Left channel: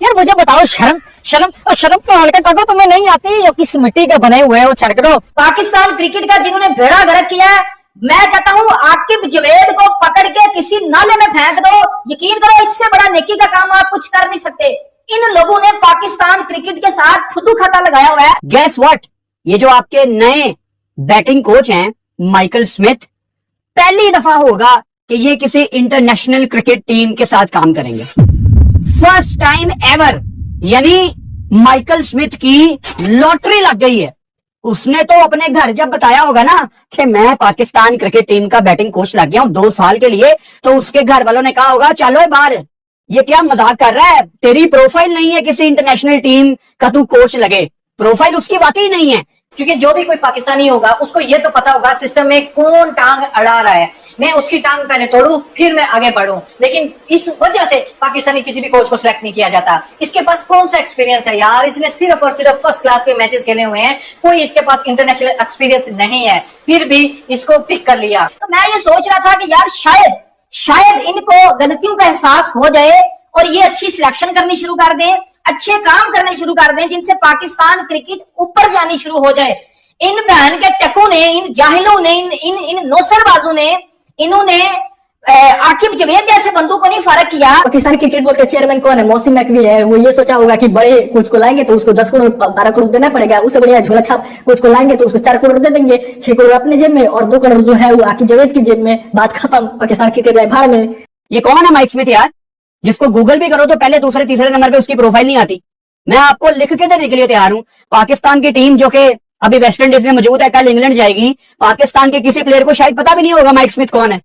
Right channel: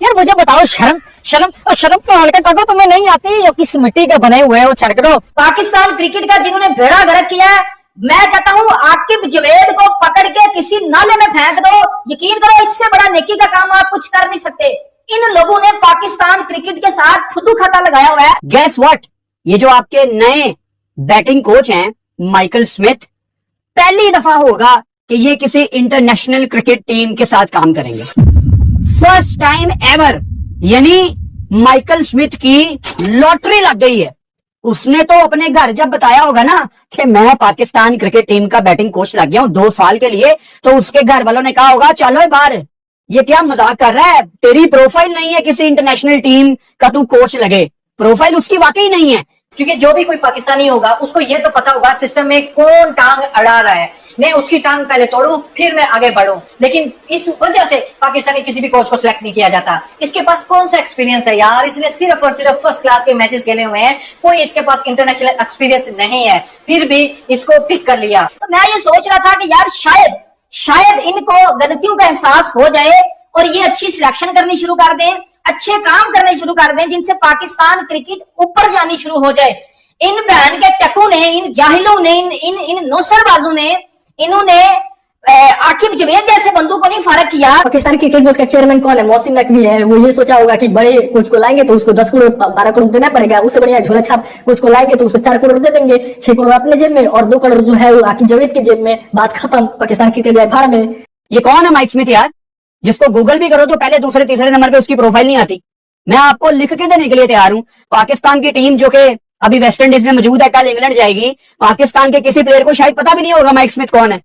यार मुझे बताओ, शर्म शर्म और शर्म तो हल्का कर दो, तुम्हें नहीं आती? जो किस मिट्टी के बने हुए हो चरकड़ो। पाकिस्तान क्रिकेट का जिन्होंने बेड़ा गर्क किया है, मैं कहता हूँ आकिब जावेद को पकड़ के किसी नाले में फेंक दो। यकीन करो, इससे बड़ा नेकी का काम आप कुछ कर नहीं सकते। इन लोगों ने पाकिस्तान क्रिकेट के साथ फुदू खाता लगाया हुआ है। गैस व्हाट, ये जो आपके नए बैटिंग कोच हैं माइकल स्मिथ, पहली दफा होगा कि ये किसी इंटरनेशनल क्रिकेट टीम के साथ काम करेंगे। First time ever. यानी माइकल स्मिथ की लॉटरी लग गई है। उसने तो अपने घर जब बताया होगा ना कि मैं पाकिस्तान क्रिकेट टीम का बैटिंग कोच लग गया हूं 2 साल के लिए, तो उसके घर वालों ने कहा होगा चलो बाहर, ये क्या मजाक कर रहा है, तेरी प्रोफाइल नहीं है किसी इंटरनेशनल टीम का तू कोच लगे। प्रोफाइल उसकी वाकई नहीं है। क्योंकि जो भी कोई पाकिस्तानी होगा उसको ये तो पता होगा सिस्टम में कौन टांग अड़ा रहा है, मैं उसकी टांग पहले तोड़ूं फिर मैं आगे बढ़ूं। लेकिन इस वजह से पाकिस्तानी किसी भी कोच को सिलेक्ट नहीं किया जाता। इसके पास कौन सा एक्सपीरियंस है यार, इसने सिर्फ और सिर्फ फर्स्ट क्लास के मैचेस खेले हुए हैं, कोई इसके पास इंटरनेशनल एक्सपीरियंस नहीं है, फिर भी इसको पिक कर लिया। तो मैं ये सोच रहा था कि यार शायद इनको गलतियों का एहसास हो जाए और ये अच्छी सिलेक्शन करनी शुरू कर दें, अच्छे काम करने शुरू कर दें, जिनसे पाकिस्तान क्रिकेट ऊपर जानी शुरू हो जाए। इन बहन के टकू ने, इन जाहिलों ने, इन नौसरबाजों ने, इन्होंने आकिब जावेद जैसे बंदू को नहीं फर्क किया। पाकिस्तानी क्रिकेट बोर्ड का चेयरमैन कौन है? मौसिम नकवी है। वो ये सोचा होगा कि बड़े कोच को लाएंगे तो उसको 10 करोड़ 12 करोड़ देना पड़ेगा, उससे बढ़िया झोला छाप कोच को लाएंगे तो उसको 4 करोड़ दे देंगे, 6 करोड़ अपने जेब में और 2 करोड़ जो है वो आकिब जावेद की जेब में। बात खत्म, पाकिस्तान क्रिकेट जाए भाड़ में। ये कौन है माइक स्मिथ यार, जिसको गूगल भी करो तो पहले दूसरे तीसरे नंबर पे उसकी प्रोफाइल नहीं आती। मैं आपको लिख के देने के लिए तैयार हूं। पाकिस्तान की टीम जो कि अभी वेस्ट इंडीज में मौजूद है, कल इंग्लैंड जाएगी, पाकिस्तान के किसी प्लेयर को शायद पता भी नहीं होगा माइक स्मिथ कौन है।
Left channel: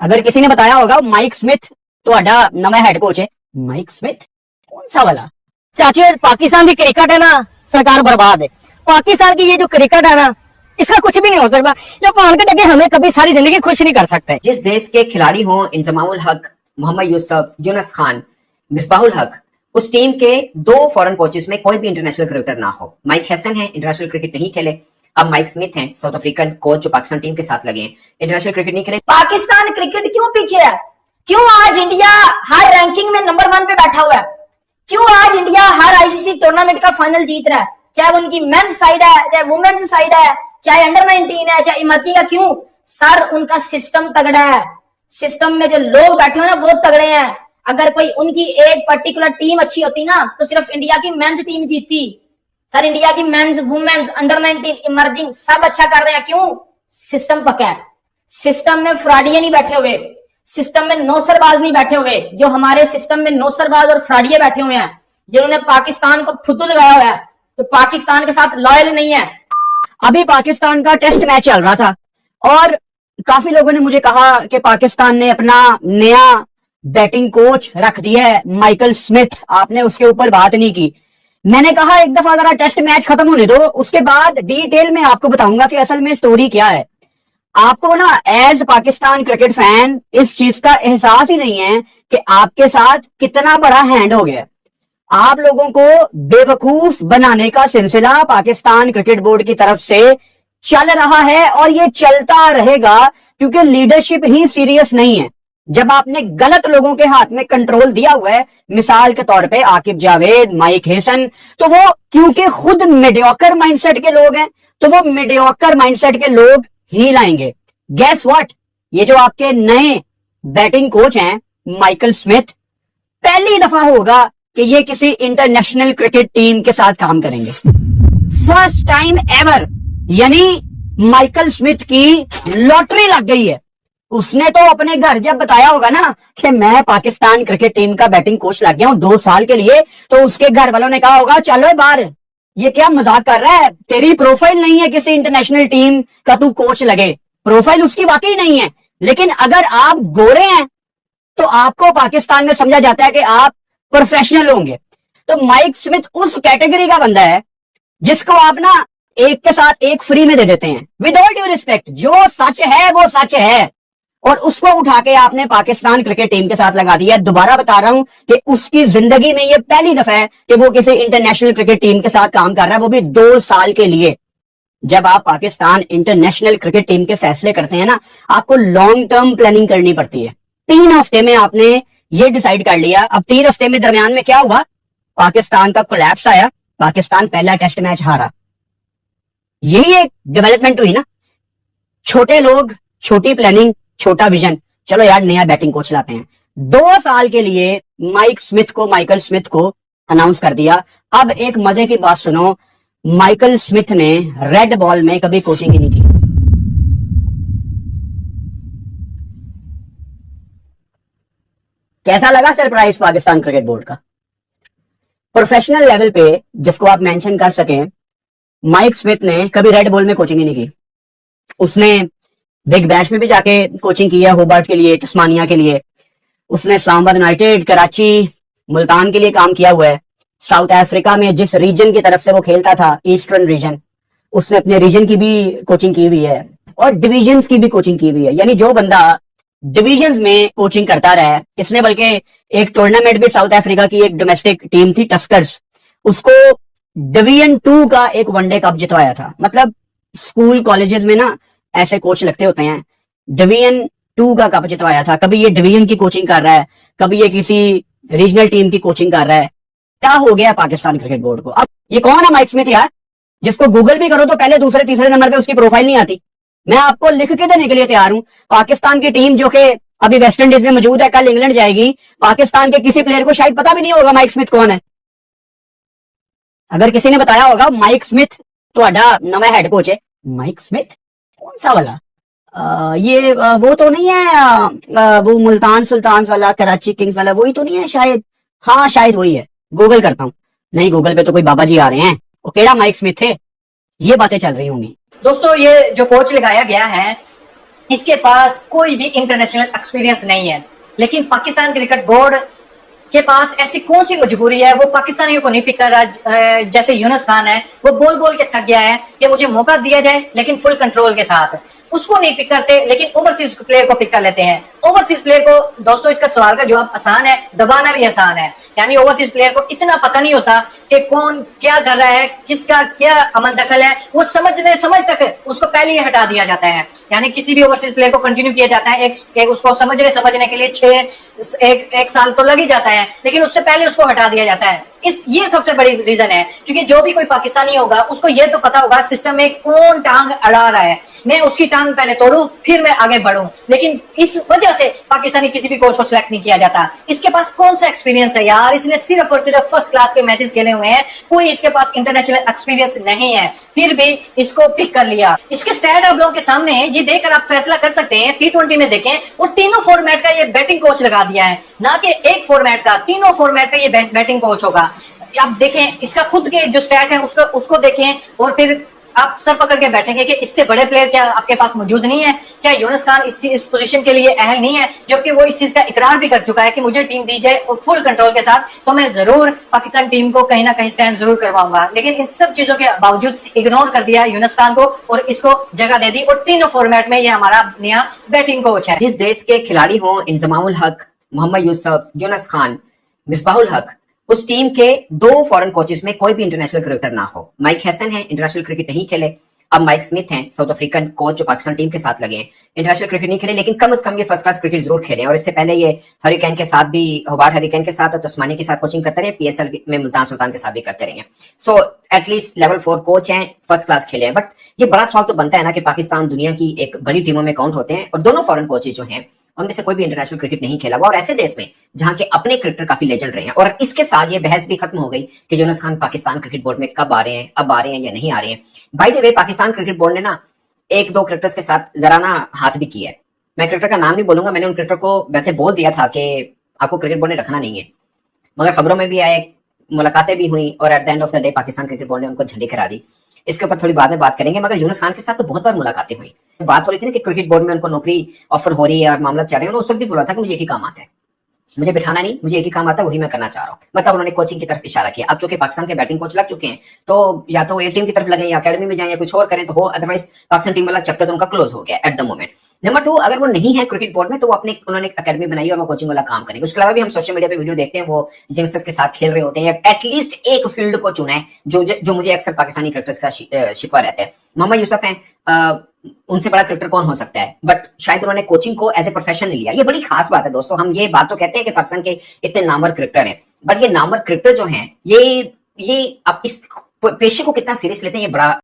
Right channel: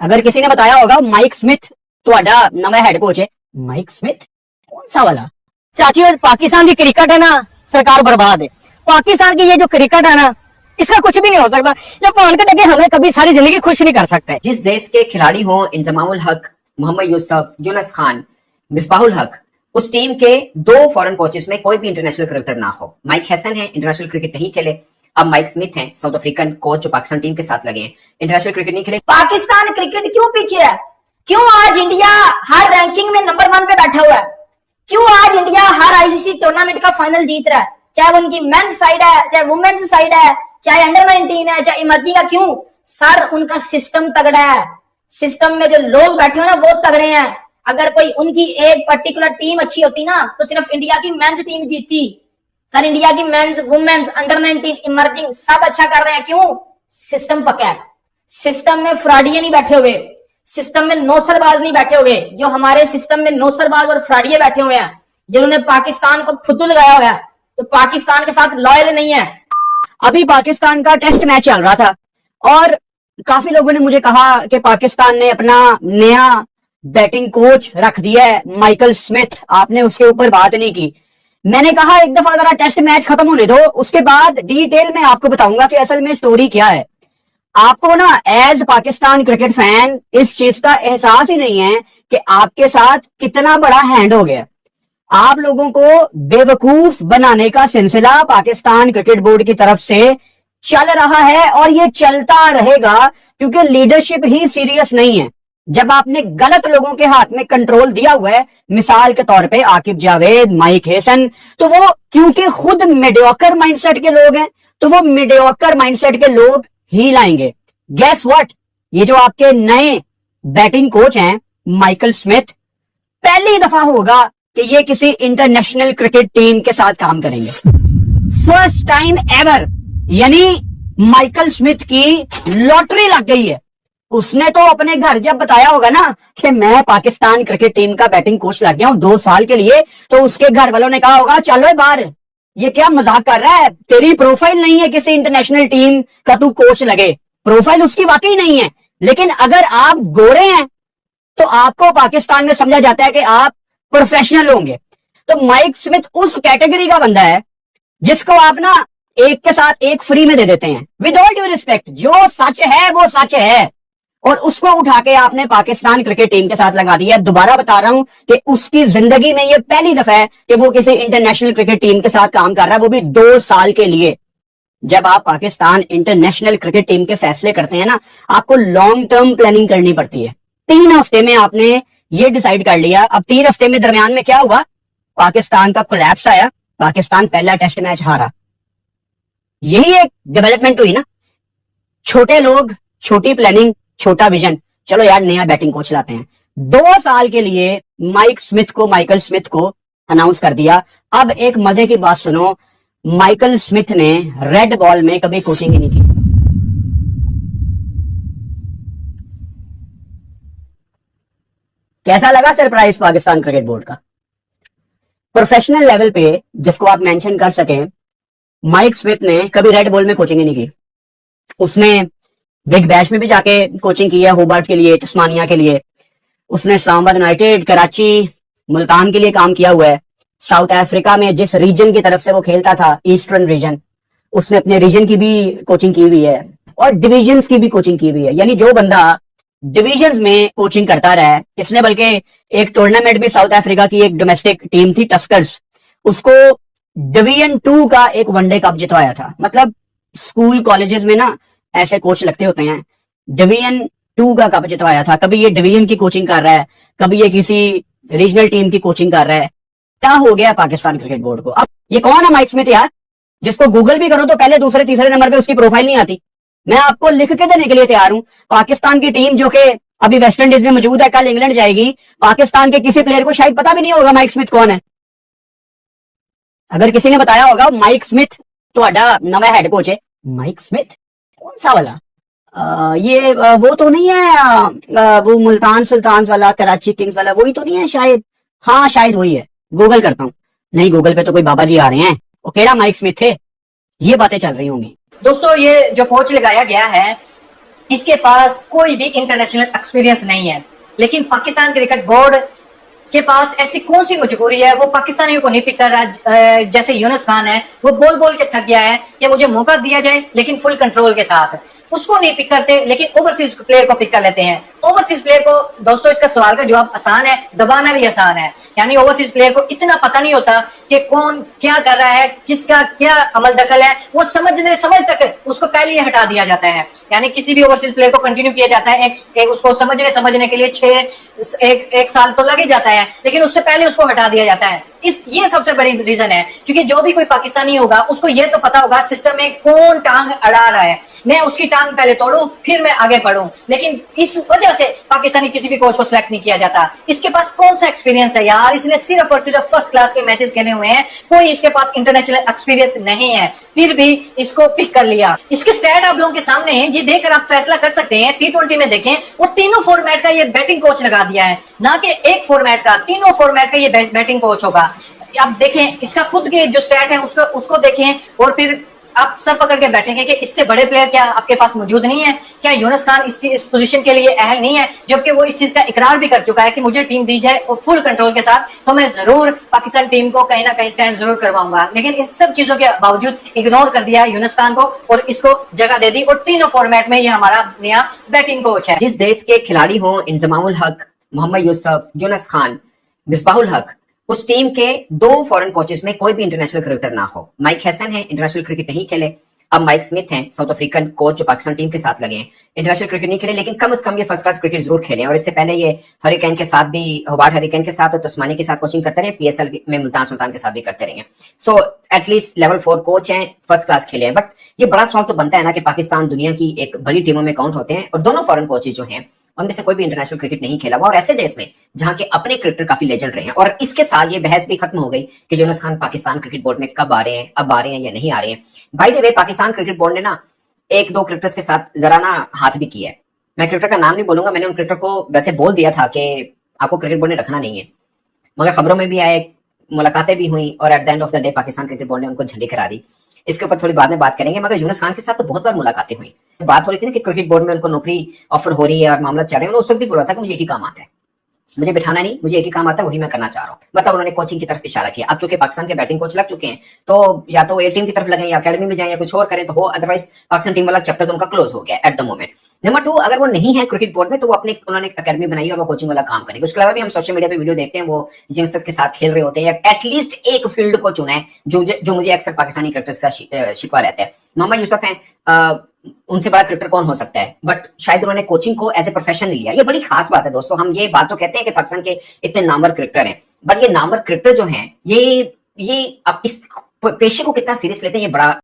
अगर किसी ने बताया होगा माइक स्मिथ ਤੁਹਾਡਾ नवा हेड कोच है, माइक स्मिथ कौन सा वाला? चाची, पाकिस्तान की क्रिकेट है ना, सरकार बर्बाद है। पाकिस्तान की ये जो क्रिकेट है ना, इसका कुछ भी नहीं हो सकता। ये पॉलिटिक है, हमें कभी सारी जिंदगी खुश नहीं कर सकते। जिस देश के खिलाड़ी हो इंजमामुल हक, मोहम्मद यूसुफ, यूनुस खान, मिसबाहुल हक, उस टीम के 2 फॉरेन कोचेस में कोई भी इंटरनेशनल क्रिकेटर ना हो। माइक हैसन है, इंटरनेशनल क्रिकेट नहीं खेले। अब माइक स्मिथ हैं, साउथ अफ्रीकन कोच जो पाकिस्तान टीम के साथ लगे हैं, इंटरनेशनल क्रिकेट नहीं खेले। पाकिस्तान क्रिकेट क्यों पीछे है? क्यों आज इंडिया हर रैंकिंग में नंबर 1 पे बैठा हुआ है? क्यों आज इंडिया हर आईसीसी टूर्नामेंट का फाइनल जीत रहा है, चाहे वो उनकी मेंस साइड है, चाहे वुमेन्स साइड है, चाहे अंडर 19 है, चाहे इमर्जिंग है? क्यों सर? उनका सिस्टम तगड़ा है। सिस्टम में जो लोग बैठे हुए हैं वो तगड़े हैं। अगर कोई उनकी एक पर्टिकुलर टीम अच्छी होती ना तो सिर्फ इंडिया की मेंस टीम जीतती। सर इंडिया की मेंस, वुमेन्स, अंडर 19, इमर्जिंग सब अच्छा कर रहे हैं। क्यों? सिस्टम पक्का है। सिस्टम में फ्रॉडिये नहीं बैठे हुए, सिस्टम में नौसरबाज नहीं बैठे हुए। जो हमारे सिस्टम में नौसरबाज और फ्रॉडिये बैठे हुए हैं, जिन्होंने पाकिस्तान को फुतू लगाया हुआ है, तो पाकिस्तान के साथ लॉयल नहीं है। अभी पाकिस्तान का टेस्ट मैच चल रहा था और काफी लोगों ने मुझे कहा कि पाकिस्तान ने अपना नया बैटिंग कोच रख दिया है माइकल स्मिथ, आपने उसके ऊपर बात नहीं की। मैंने कहा एक दफा जरा टेस्ट मैच खत्म होने दो, उसके बाद डिटेल में आपको बताऊंगा कि असल में स्टोरी क्या है। आपको ना एज पाकिस्तान क्रिकेट फैन इस चीज का एहसास ही नहीं है कि आपके साथ कितना बड़ा हैंड हो गया। आप लोगों को बेवकूफ बनाने का सिलसिला पाकिस्तान क्रिकेट बोर्ड की तरफ से चल रहा है और ये चलता रहेगा, क्योंकि लीडरशिप ही सीरियस नहीं है। जब आपने गलत लोगों के हाथ में कंट्रोल दिया हुआ है, मिसाल के तौर पे आकिब जावेद, माइक हैसन, तो वो क्योंकि खुद मीडियोकर माइंडसेट के लोग हैं, तो वो मीडियोकर माइंडसेट के लोग ही लाएंगे। गेस व्हाट, ये जो आपके नए बैटिंग कोच हैं माइकल स्मिथ, पहली दफा होगा कि ये किसी इंटरनेशनल क्रिकेट टीम के साथ काम करेंगे। First time ever. यानी माइकल स्मिथ की लॉटरी लग गई है। उसने तो अपने घर जब बताया होगा ना कि मैं पाकिस्तान क्रिकेट टीम का बैटिंग कोच लग गया हूं 2 साल के लिए, तो उसके घर वालों ने कहा होगा चलो बाहर, ये क्या मजाक कर रहा है, तेरी प्रोफाइल नहीं है किसी इंटरनेशनल टीम का तू कोच लगे। प्रोफाइल उसकी वाकई नहीं है। लेकिन अगर आप गोरे हैं तो आपको पाकिस्तान में समझा जाता है कि आप प्रोफेशनल होंगे। तो माइक स्मिथ उस कैटेगरी का बंदा है जिसको आप ना एक के साथ एक फ्री में दे देते हैं। विद ऑल ड्यू रिस्पेक्ट, जो सच है वो सच है, और उसको उठा के आपने पाकिस्तान क्रिकेट टीम के साथ लगा दिया। दोबारा बता रहा हूं कि उसकी जिंदगी में ये पहली दफा है कि वो किसी इंटरनेशनल क्रिकेट टीम के साथ काम कर रहा है, वो भी 2 साल के लिए। जब आप पाकिस्तान इंटरनेशनल क्रिकेट टीम के फैसले करते हैं ना, आपको लॉन्ग टर्म प्लानिंग करनी पड़ती है। 3 हफ्ते में आपने ये डिसाइड कर लिया। अब 3 हफ्ते में दरमियान में क्या हुआ, पाकिस्तान का कोलैप्स आया, पाकिस्तान पहला टेस्ट मैच हारा। यही एक डेवलपमेंट हुई ना, छोटे लोग, छोटी प्लानिंग, छोटा विजन, चलो यार नया बैटिंग कोच लाते हैं। 2 साल के लिए माइकल स्मिथ को अनाउंस कर दिया। अब एक मजे की बात सुनो, माइकल स्मिथ ने रेड बॉल में कभी कोचिंग ही नहीं की। कैसा लगा सरप्राइज पाकिस्तान क्रिकेट बोर्ड का? प्रोफेशनल लेवल पे जिसको आप मेंशन कर सकें, माइक स्मिथ ने कभी रेड बॉल में कोचिंग ही नहीं की। उसने बिग बैश में भी जाके कोचिंग की है, होबार्ट के लिए, तस्मानिया के लिए, उसने इस्लामाबाद यूनाइटेड, कराची, मुल्तान के लिए काम किया हुआ है। साउथ अफ्रीका में जिस रीजन की तरफ से वो खेलता था, ईस्टर्न रीजन, उसने अपने रीजन की भी कोचिंग की हुई है और डिविजन्स की भी कोचिंग की हुई है। यानी जो बंदा डिविजन्स में कोचिंग करता रहा है, इसने बल्कि एक टूर्नामेंट भी, साउथ अफ्रीका की एक डोमेस्टिक टीम थी टस्कर्स, उसको डिवीजन 2 का एक वनडे कप जितवाया था। मतलब स्कूल कॉलेजेस में ना ऐसे कोच लगते होते हैं, डिवीजन 2 का कप जितवाया था। कभी ये डिवीजन की कोचिंग कर रहा है, कभी ये किसी रीजनल टीम की कोचिंग कर रहा है। क्या हो गया पाकिस्तान क्रिकेट बोर्ड को? अब ये कौन है माइक स्मिथ यार, जिसको गूगल भी करो तो पहले, दूसरे, तीसरे नंबर पे उसकी प्रोफाइल नहीं आती। मैं आपको लिख के देने के लिए तैयार हूं। पाकिस्तान की टीम जो कि अभी वेस्ट इंडीज में मौजूद है, कल इंग्लैंड जाएगी, पाकिस्तान के किसी प्लेयर को शायद पता भी नहीं होगा माइक स्मिथ कौन है। अगर किसी ने बताया होगा माइक स्मिथ ਤੁਹਾਡਾ नवा हेड कोच है, माइक स्मिथ कौन सा वाला, ये वो तो नहीं है, वो मुल्तान सुल्तान वाला, कराची किंग्स वाला, वही तो नहीं है शायद? हाँ शायद वही है, गूगल करता हूँ। नहीं, गूगल पे तो कोई बाबा जी आ रहे हैं, वो केड़ा माइक स्मिथ थे, ये बातें चल रही होंगी। दोस्तों, ये जो कोच लगाया गया है, इसके पास कोई भी इंटरनेशनल एक्सपीरियंस नहीं है, लेकिन पाकिस्तान क्रिकेट बोर्ड के पास ऐसी कौन सी मजबूरी है, वो पाकिस्तानियों को नहीं पिक कर रहा। जैसे यूनुस खान है, वो बोल बोल के थक गया है कि मुझे मौका दिया जाए लेकिन फुल कंट्रोल के साथ। उसको नहीं पिक करते, लेकिन ओवरसीज प्लेयर को पिक कर लेते हैं। ओवरसीज प्लेयर को, दोस्तों इसका सवाल का जवाब आसान है, दबाना भी आसान है। यानी ओवरसीज प्लेयर को इतना पता नहीं होता कि कौन क्या कर रहा है, किसका क्या अमल दखल है, वो समझ तक उसको पहले ही हटा दिया जाता है। यानी किसी भी ओवरसीज प्लेयर को कंटिन्यू किया जाता है, उसको समझने के लिए एक साल तो लग ही जाता है, लेकिन उससे पहले उसको हटा दिया जाता है। ये सबसे बड़ी रीजन है, क्योंकि जो भी कोई पाकिस्तानी होगा उसको ये तो पता होगा सिस्टम में कौन टांग अड़ा रहा है, मैं उसकी टांग पहले तोड़ूं फिर मैं आगे बढ़ूं। लेकिन इस वजह से पाकिस्तानी किसी भी कोच को सिलेक्ट नहीं किया जाता। इसके पास कौन सा एक्सपीरियंस है यार, इसने सिर्फ और सिर्फ फर्स्ट क्लास के मैचेस खेले हुए हैं, कोई इसके पास इंटरनेशनल एक्सपीरियंस नहीं है, फिर भी इसको पिक कर लिया। इसके स्टैट आप लोगों के सामने है, ये देखकर आप फैसला कर सकते हैं। T20 में देखें, वो तीनों फॉर्मेट का ये बैटिंग कोच लगा दिया है, ना कि एक फॉर्मेट का, तीनों फॉर्मेट का ये बैटिंग कोच होगा। आप देखें, इसका खुद के जो स्टैट है उसको देखें, और फिर आप सर पकड़ के बैठेंगे कि इससे बड़े प्लेयर क्या आपके पास मौजूद नहीं है? क्या यूनुस खान इस पोजीशन के लिए अहल नहीं है? जबकि वो इस चीज का इकरार भी कर चुका है कि मुझे टीम दी जाए और फुल कंट्रोल के साथ, तो मैं जरूर पाकिस्तान टीम को कहीं ना कहीं स्टैंड जरूर करवाऊंगा। लेकिन इन सब चीजों के बावजूद इग्नोर कर दिया यूनुस खान को और इसको जगह दे दी, और तीनों फॉर्मेट में ये हमारा नया बैटिंग कोच है। जिस देश के खिलाड़ी हों इंजमामुल हक, मोहम्मद यूसुफ, यूनुस खान, मिसबाहुल हक, उस टीम के 2 फॉरेन कोचेस में कोई भी इंटरनेशनल क्रिकेटर ना हो। माइक हैसन है, इंटरनेशनल क्रिकेट नहीं खेले। अब माइक स्मिथ हैं, साउथ अफ्रीकन कोच जो पाकिस्तान टीम के साथ लगे हैं, इंटरनेशनल क्रिकेट नहीं खेले, लेकिन कम से कम ये फर्स्ट क्लास क्रिकेट जरूर खेले। और इससे पहले ये हरिकेन के साथ भी, होबार्ट हरिकेन के साथ और तस्मानी के साथ कोचिंग करते रहे, PSL में मुल्तान सुल्तान के साथ भी करते रहे। सो एटलीस्ट लेवल 4 कोच हैं, फर्स्ट क्लास खेले हैं। बट ये बड़ा सवाल तो बनता है ना कि पाकिस्तान दुनिया की एक बड़ी टीमों में काउंट होते हैं, और दोनों फॉरेन कोचेज जो हैं उनमें से कोई भी इंटरनेशनल क्रिकेट नहीं खेला हुआ, और ऐसे देश में जहां के अपने क्रिकेटर काफी लेजेंड रहे हैं। और इसके साथ ये बहस भी खत्म हो गई कि यूनुस खान पाकिस्तान क्रिकेट बोर्ड में कब आ रहे हैं, अब आ रहे हैं या नहीं आ रहे हैं। By the way, Pakistan cricket board ने ना 1-2 क्रिकेटर्स के साथ जरा ना हाथ भी किया है। मैं क्रिकेटर का नाम नहीं बोलूंगा, मैंने उन क्रिकेटर को वैसे बोल दिया था कि आपको क्रिकेट बोर्ड ने रखना नहीं है, मगर खबरों में भी आए, मुलाकातें भी हुई, और at the end of the day Pakistan cricket board ने उनको झंडी करा दी। इसके ऊपर थोड़ी बाद में बात करेंगे। मगर यूनुस खान के साथ तो बहुत बार मुलाकातें हुई, बात हो रही थी ना कि क्रिकेट बोर्ड में उनको नौकरी ऑफर हो रही है और मामला चल रहे हैं। उस वक्त भी बोला था कि मुझे एक ही काम आता है, मुझे बिठाना नहीं, मुझे एक ही काम आता है, वही मैं करना चाह रहा हूँ। मतलब उन्होंने कोचिंग की तरफ इशारा किया। अब चूंकि पाकिस्तान के बैटिंग कोच लग चुके हैं, तो या तो ए टीम की तरफ लगे, या अकेडमी में जाए, या कुछ और करें तो हो, अदरवाइज पाकिस्तान टीम वाला चैप्टर तो उनका क्लोज हो गया एट द मोमेंट। नंबर 2, अगर वो नहीं है क्रिकेट बोर्ड में, तो वो उन्होंने अकेडमी बनाई और वो कोचिंग वाला काम करेंगे। उसके अलावा भी हम सोशल मीडिया पे वीडियो देखते हैं, वो यंगस्टर्स के साथ खेल रहे होते हैं, या एटलीस्ट एक फील्ड को चुना है जो मुझे अक्सर पाकिस्तानी क्रिकेटर्स का शिकवा रहता है। मोहम्मद यूसुफ हैं, उनसे बड़ा क्रिकेटर कौन हो सकता है, बट शायद उन्होंने कोचिंग को एज ए प्रोफेशन लिया। ये बड़ी खास बात है दोस्तों। हम ये बात तो कहते हैं कि पाकिस्तान के इतने नामवर क्रिकेटर हैं, बट ये नामवर क्रिकेटर जो हैं ये अब इस पेशे को कितना सीरियस लेते हैं, ये बड़ा